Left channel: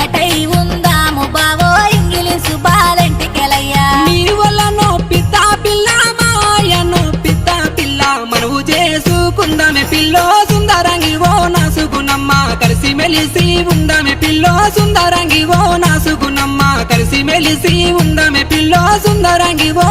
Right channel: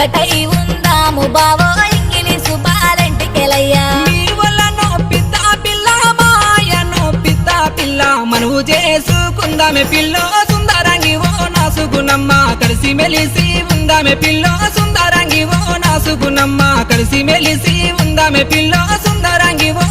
ఒక్కటై ఉందాము బావో ఇంగిలీసు బాలంటికెలయ్యా నీ వల్లనో పిత్త పిల్ల మాయనో పిత్త పిల్ల మనవు చేసుకుందామే పిల్లో సుందరంగి ఓ నాసుగునమ్మ కలిసి మెలిసి ఉందామే పిల్లో సుందరంగి ఓ నాసుగునమ్మ కలిసి మెలిసి ఉందామే పిల్లో సుందరంగి ఓ